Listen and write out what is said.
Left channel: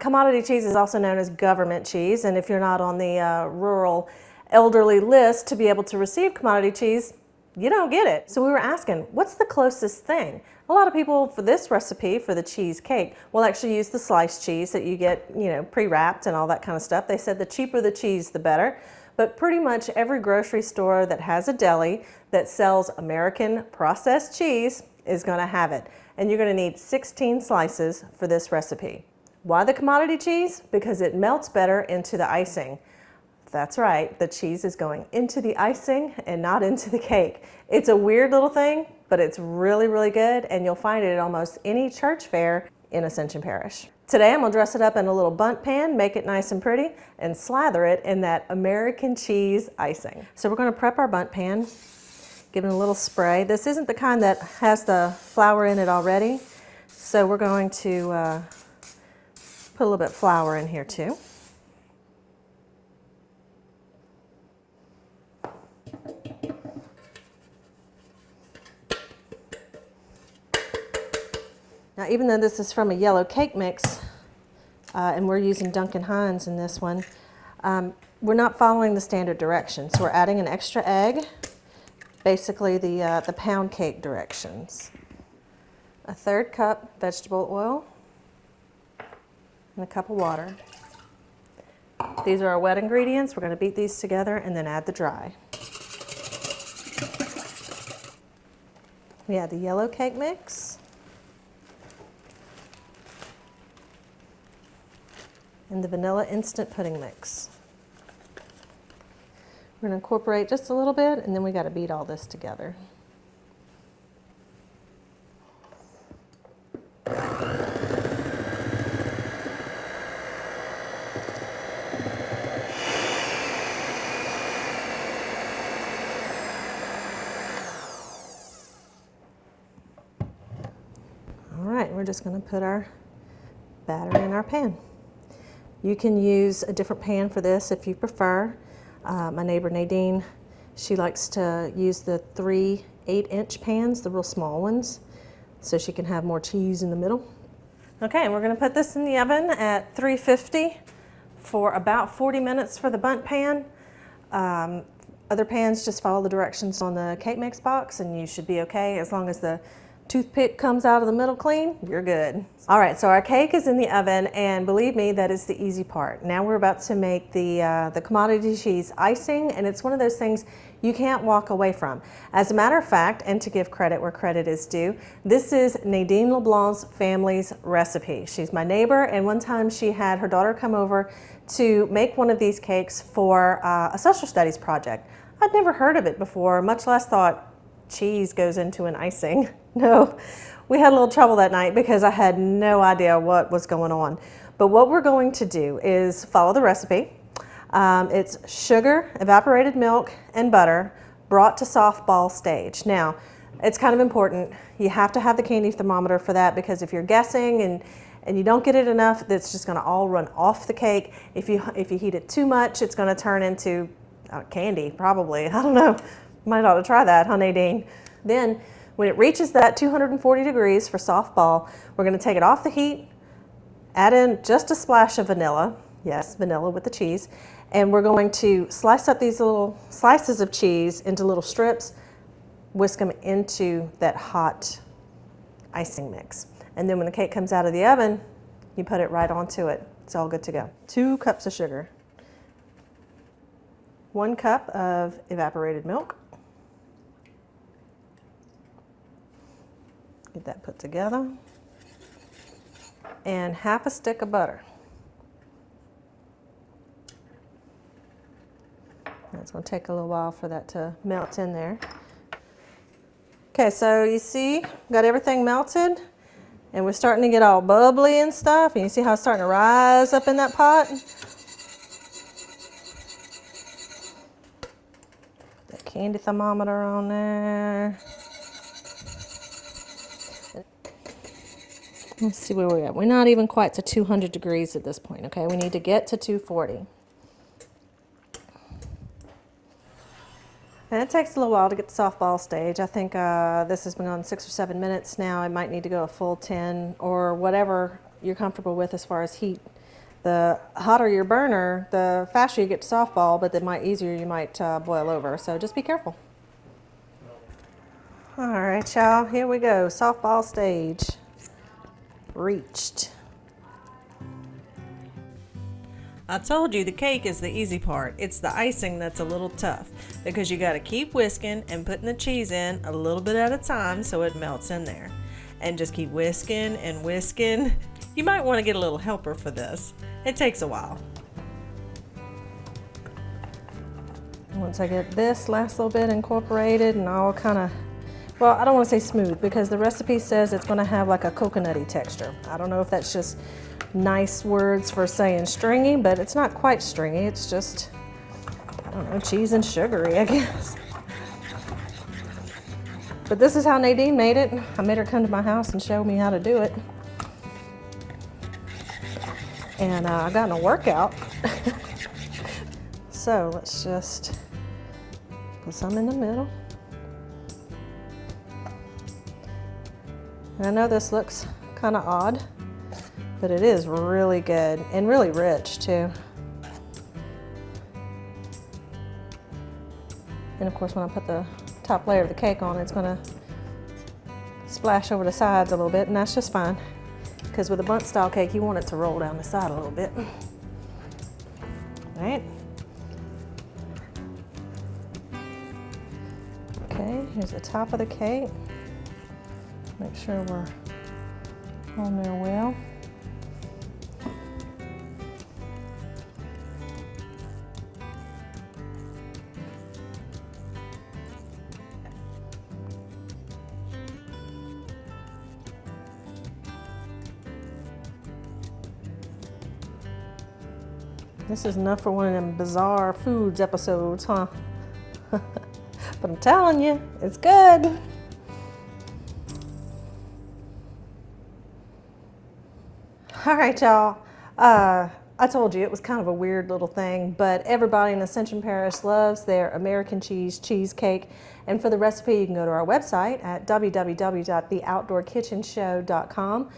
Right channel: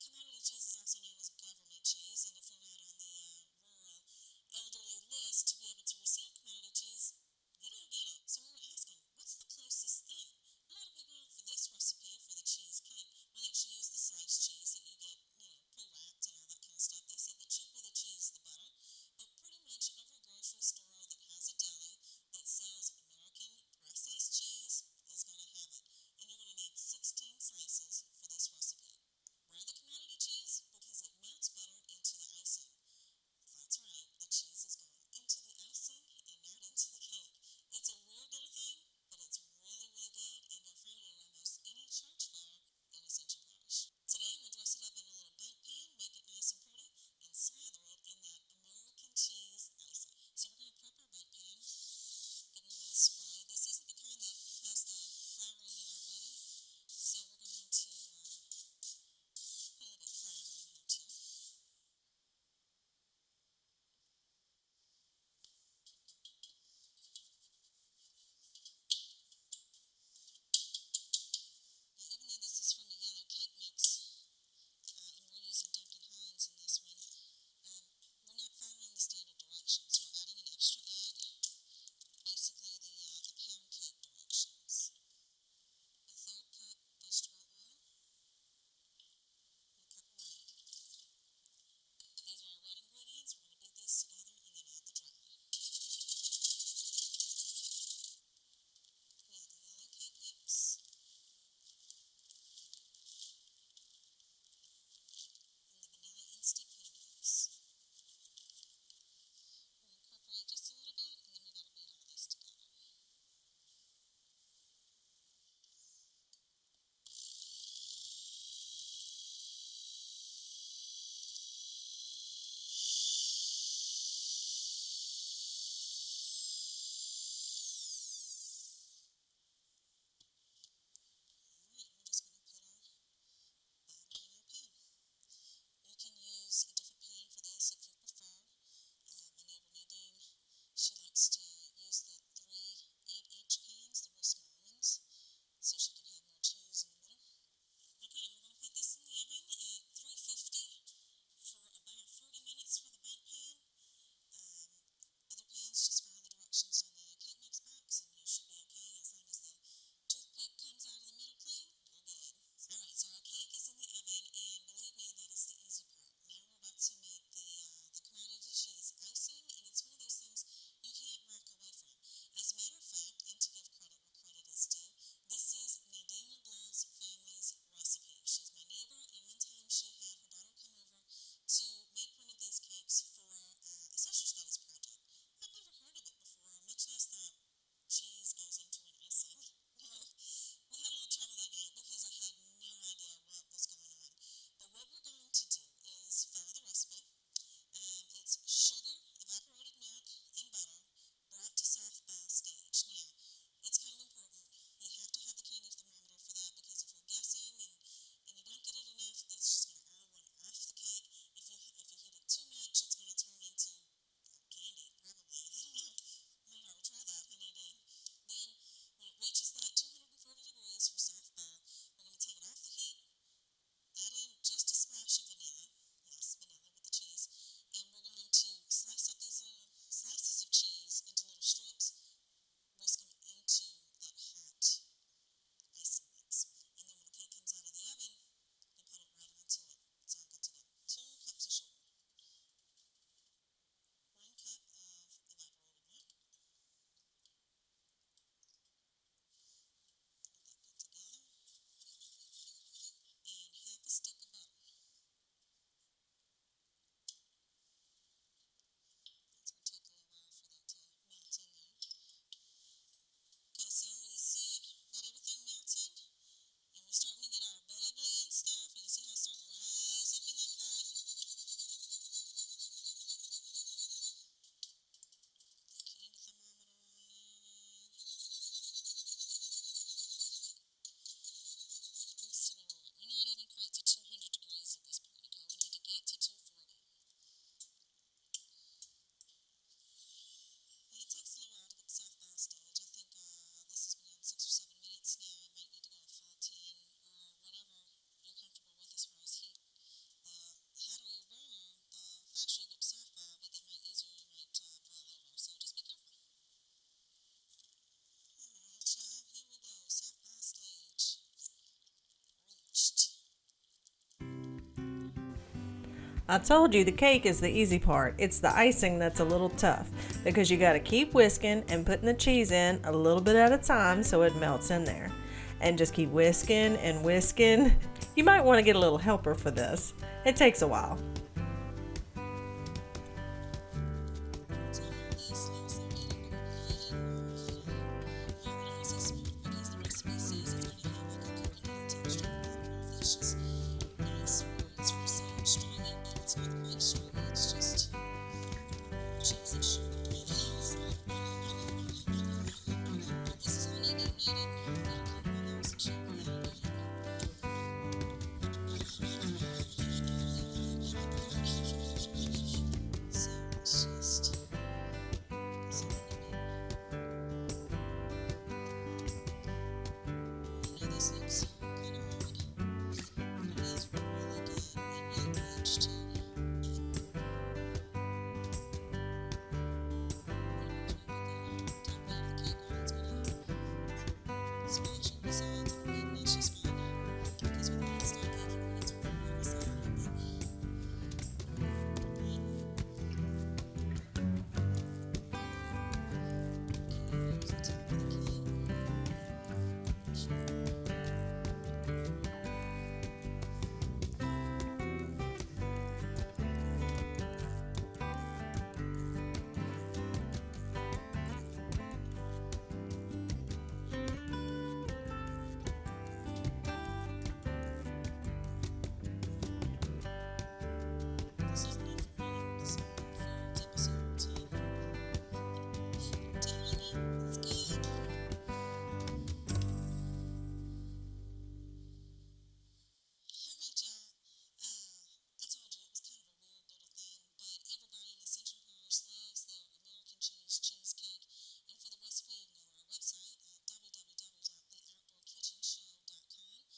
Commodity cheese is also known as government cheese, and if you're not on the rural elderly list to be able to receive commodity cheese, you don't get it. So we were asking, what's the closest thing? A lot of people for this recipe, for the cheesecake, will actually use the sliced cheese that you get, pre-wrapped and all that kind of stuff. They said the cheaper the cheese, the better. But pretty much every grocery store that has a deli that sells American processed cheese is gonna have it. And you're gonna need 16 slices for this recipe. Why the commodity cheese? Because it melts better into the icing. That's right, the cheese is going into the icing and not into the cake. It's a weird little thing, but it's really, really good, and you'll find it at almost any church fair in Ascension Parish. Today I'm gonna dress it up in a little bundt pan, make it nice and pretty, and slather it in that American cheese icing. So we're gonna prep our bundt pan, give it a little spray. This isn't the kind that has the flour in it already, so we're going to put a little bit of flour in here too. Now, even though this is from a yellow cake mix, and we're using Duncan Hines in this one, we're not following the standard directions. We're adding an extra egg, basically the pound cake directions. A 1/3 cup vegetable oil, and a cup of water. These are our wet ingredients. We're going to beat these together and then add the dry. We add the yellow cake mix. And the vanilla instant pudding mix. We're going to incorporate just a little bit, and then we got to beat all this together. All right, we're just going to put our batter in our pan. You can use a different pan for this if you prefer. My neighbor Nadine, she likes to use the 3 8-inch pans, the real small ones, so she can have more cheese in the middle. Okay, and we're going to put this in the oven at 350 for about 40 minutes for the bundt pan. Other pans, just follow the directions on the cake mix box and you should be okay. As long as the toothpick comes out of the middle clean, you're good. All right, so our cake is in the oven, and believe me, that is the easy part. Now we're about to make the commodity cheese icing, and it's one of those things you can't walk away from. As a matter of fact, and to give credit where credit is due, this is Nadine LeBlanc's family's recipe. She's my neighbor, and one time she had her daughter come over to make one of these cakes for a social studies project. I'd never heard of it before, much less thought cheese goes into an icing. No, we had a little trouble that night because I had no idea what was going on. But what we're going to do is follow the recipe. It's sugar, evaporated milk, and butter brought to soft ball stage. Now, it's kind of important. You have to have the candy thermometer for that, because if you're guessing and you don't get it enough, it's just going to all run off the cake. If you heat it too much, it's going to turn into candy, probably. I don't know. Might ought to try that, huh, Nadine? Then, when it reaches that 240 degrees for soft ball, we're going to take it off the heat, add in just a splash of vanilla. Yes, vanilla with the cheese. And we're going to slice up these little slices of cheese into little strips, whisk them into that hot icing mix. And then when the cake comes out of the oven, you put it right onto it. It's all good to go. 2 cups of sugar. 1 cup of evaporated milk. Get that put together. And half a stick of butter. It's going to take a little while for that to melt in there. Okay, so you see, got everything melted, and we're starting to get all bubbly and stuff. And you see how it's starting to rise up in that pot? That candy thermometer on there. Let's see where we're at. We're not even quite to 200 degrees at this point, okay? We need to get to 240. And it takes a little while to get to softball stage. I think this has been on 6 or 7 minutes now. I might need to go a full 10 or whatever you're comfortable with as far as heat. The hotter your burner, the faster you get to softball, but the easier you might boil over. So just be careful. All right, y'all, here we go. Softball stage reached. I told you the cake is the easy part. It's the icing that's a little tough because you got to keep whisking and putting the cheese in a little bit at a time so it melts in there. And just keep whisking and whisking. You might want to get a little helper for this. It takes a while. Once I get this last little bit incorporated and all kind of, well, I don't want to say smooth because the recipe says it's going to have like a coconutty texture. I don't know if that's just nice words for saying stringy, but it's not quite stringy. It's just, I don't know, cheese and sugary, I guess. But this is how Nadine made it. I made her come to my house and show me how to do it. And I got in a workout. So let's just put some in the middle. And I know this looks kind of odd, but it is really good and really rich too. And of course when I put the top layer of the cake on, it's gonna splash over the sides a little bit, and that's just fine. Because with a bundt style cake, you want it to roll down the side a little bit. All right. Okay, here's the top of the cake. Make sure we're on there well. This is enough for one of them bizarre foods episodes, huh? But I'm telling you, it's good. All right, y'all. I told you it was kind of a weird little thing, but everybody in Ascension Parish loves their American cheesecake. And for the recipe, you can go to our website at www.theoutdoorkitchenshow.com.